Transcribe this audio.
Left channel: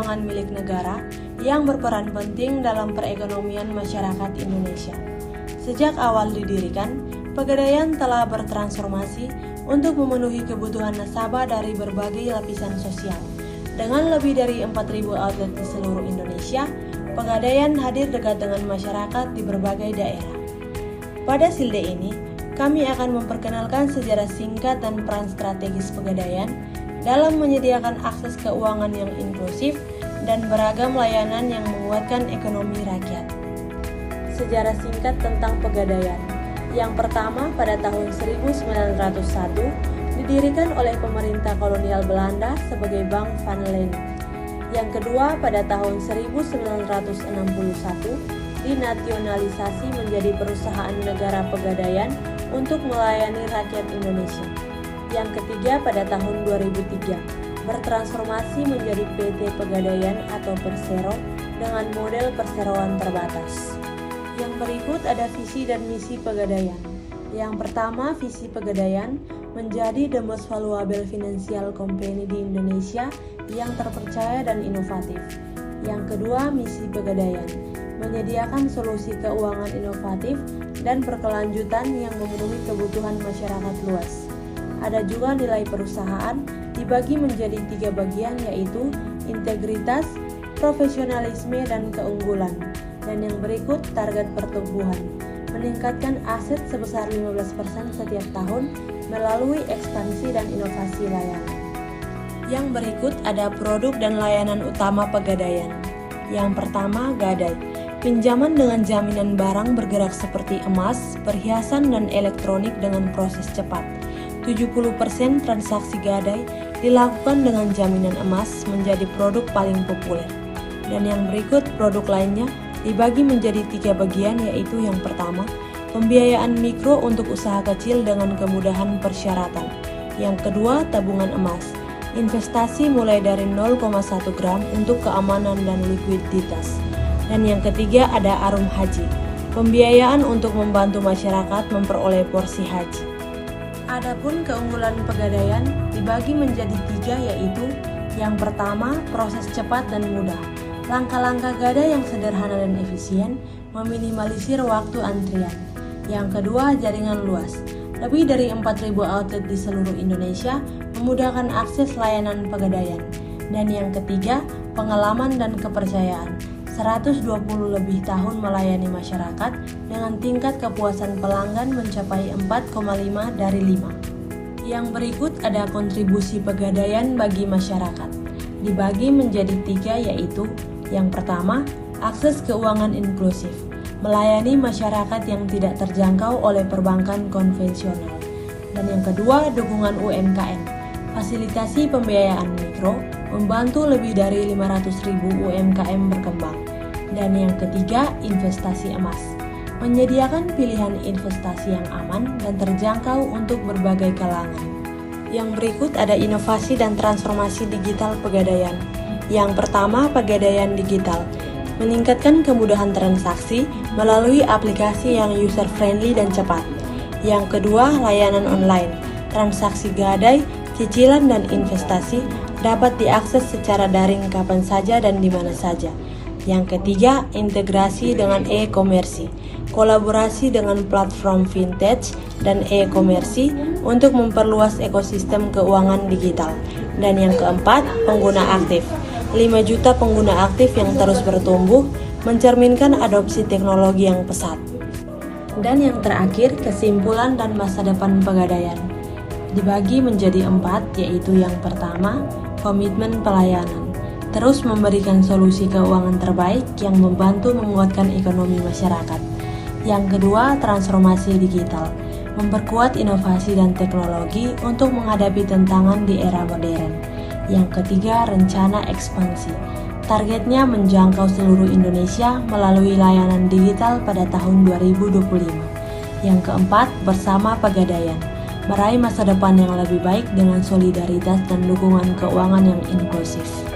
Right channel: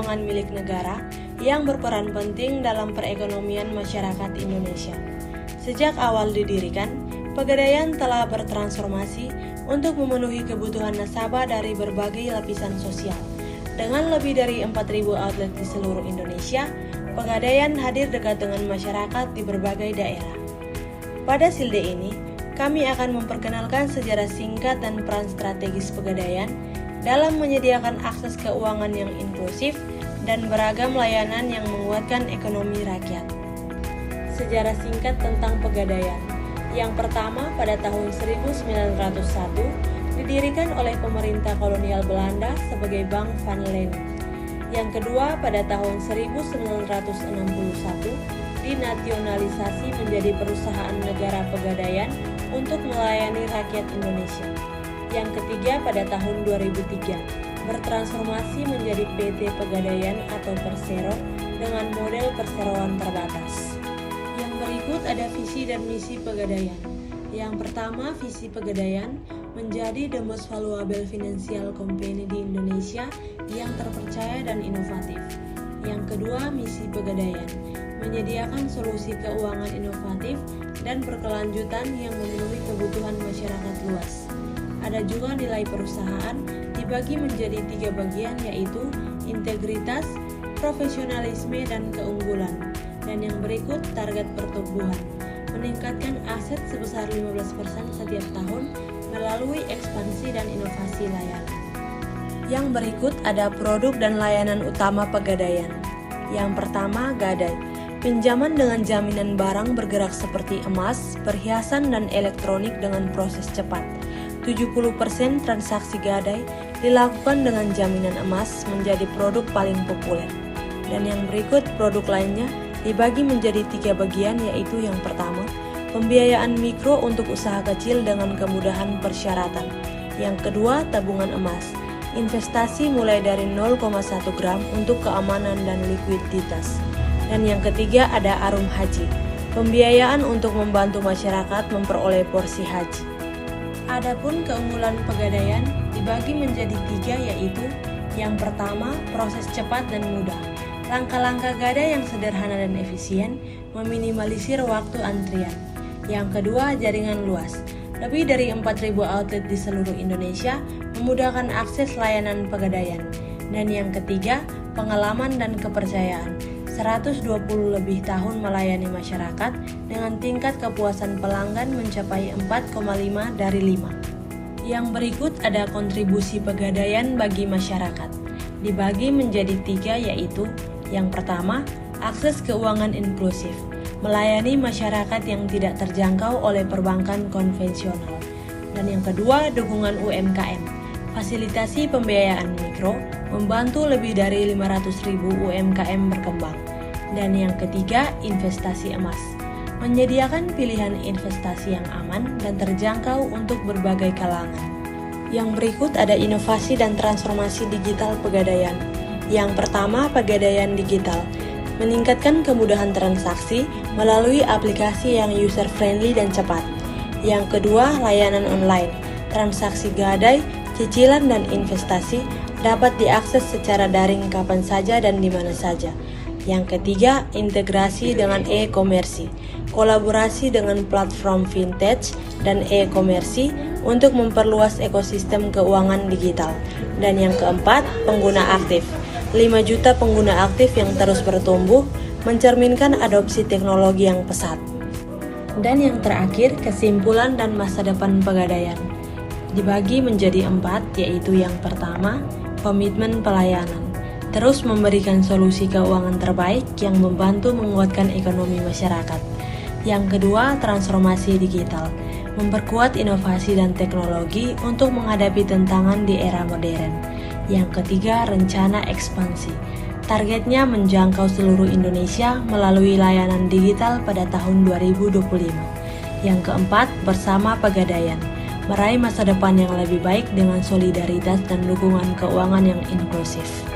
keuangan milik negara yang berperan penting dalam perekonomian masyarakat Indonesia. Sejak awal didirikan, Pegadaian telah bertransformasi untuk memenuhi kebutuhan nasabah dari berbagai lapisan sosial. Dengan lebih dari 4.000 outlet di seluruh Indonesia, Pegadaian hadir dekat dengan masyarakat di berbagai daerah. Pada silde ini, kami akan memperkenalkan sejarah singkat dan peran strategis Pegadaian dalam menyediakan akses keuangan yang inklusif dan beragam layanan yang menguatkan ekonomi rakyat. Sejarah singkat tentang Pegadaian. Yang pertama, pada tahun 1901, didirikan oleh pemerintah kolonial Belanda sebagai Bank Van Lennep. Yang kedua, pada tahun 1961, dinasionalisasi menjadi perusahaan negara Pegadaian untuk melayani rakyat Indonesia. Yang ketiga, pada tahun 2003, bertransformasi menjadi PT Pegadaian atau Persero dengan model perseroan terbatas. Yang berikut ada visi dan misi Pegadaian. Yang pertama, visi Pegadaian menjadi the most valuable financial company di Indonesia yang terpercaya dan inovatif. Yang kedua, misi Pegadaian menyediakan solusi keuangan inovatif dan berkelanjutan yang memenuhi kebutuhan masyarakat luas. Ada juga nilai perusahaan dibagi menjadi 3 bagian, yaitu integritas, profesionalisme, dan keunggulan. Dan yang berikut target pertumbuhan, meningkatkan aset sebesar 15% setiap tahun melalui ekspansi dan inovasi layanan. Yang berikut ada produk dan layanan utama Pegadaian. Yang pertama, Gadai. Pinjaman dengan jaminan barang bergerak seperti emas, perhiasan, dan elektronik dengan proses cepat. 70% transaksi Gadai dilakukan dengan jaminan emas menjadi produk paling populer. Dan yang berikut produk lainnya dibagi menjadi 3 bagian, yaitu yang pertama, pembiayaan mikro untuk usaha kecil dengan kemudahan persyaratan. Yang kedua, tabungan emas, investasi mulai dari 0,1 gram untuk keamanan dan likuiditas. Dan yang ketiga ada Arum Haji, pembiayaan untuk membantu masyarakat memperoleh porsi haji. Adapun keunggulan Pegadaian dibagi menjadi 3, yaitu yang pertama, proses cepat dan mudah. Langkah-langkah Gadai yang sederhana dan efisien meminimalisir waktu antrian. Yang kedua, jaringan luas. Lebih dari 4.000 outlet di seluruh Indonesia memudahkan akses layanan Pegadaian. Dan yang ketiga, pengalaman dan kepercayaan. 120 lebih tahun melayani masyarakat dengan tingkat kepuasan pelanggan mencapai 4,5 dari 5. Yang berikut ada kontribusi Pegadaian bagi masyarakat. Dibagi menjadi 3, yaitu yang pertama, akses keuangan inklusif, melayani masyarakat yang tidak terjangkau oleh perbankan konvensional. Dan yang kedua, dukungan UMKM, fasilitasi pembiayaan mikro, membantu lebih dari 500.000 UMKM berkembang. Dan yang ketiga, investasi emas, menyediakan pilihan investasi yang aman dan terjangkau untuk berbagai kalangan. Yang berikut ada inovasi dan transformasi digital Pegadaian. Yang pertama, Pegadaian Digital, meningkatkan kemudahan transaksi melalui aplikasi yang user-friendly dan cepat. Yang kedua, layanan online, transaksi Gadai, cicilan, dan investasi dapat diakses secara daring kapan saja dan di mana saja. Yang ketiga, integrasi dengan e-komersi, kolaborasi dengan platform vintage dan e-komersi untuk memperluas ekosistem keuangan digital. Dan yang keempat, pengguna aktif. 5 juta pengguna aktif yang terus bertumbuh, mencerminkan adopsi teknologi yang pesat. Dan yang terakhir, kesimpulan dan masa depan Pegadaian. Dibagi menjadi 4, yaitu yang pertama, komitmen pelayanan. Terus memberikan solusi keuangan terbaik yang membantu menguatkan ekonomi masyarakat. Yang kedua, transformasi digital. Memperkuat inovasi dan teknologi untuk menghadapi tantangan di era modern. Yang ketiga, rencana ekspansi. Targetnya menjangkau seluruh Indonesia melalui layanan digital pada tahun 2025. Yang keempat, bersama Pegadaian, meraih masa depan yang lebih baik dengan solidaritas dan dukungan keuangan yang inklusif.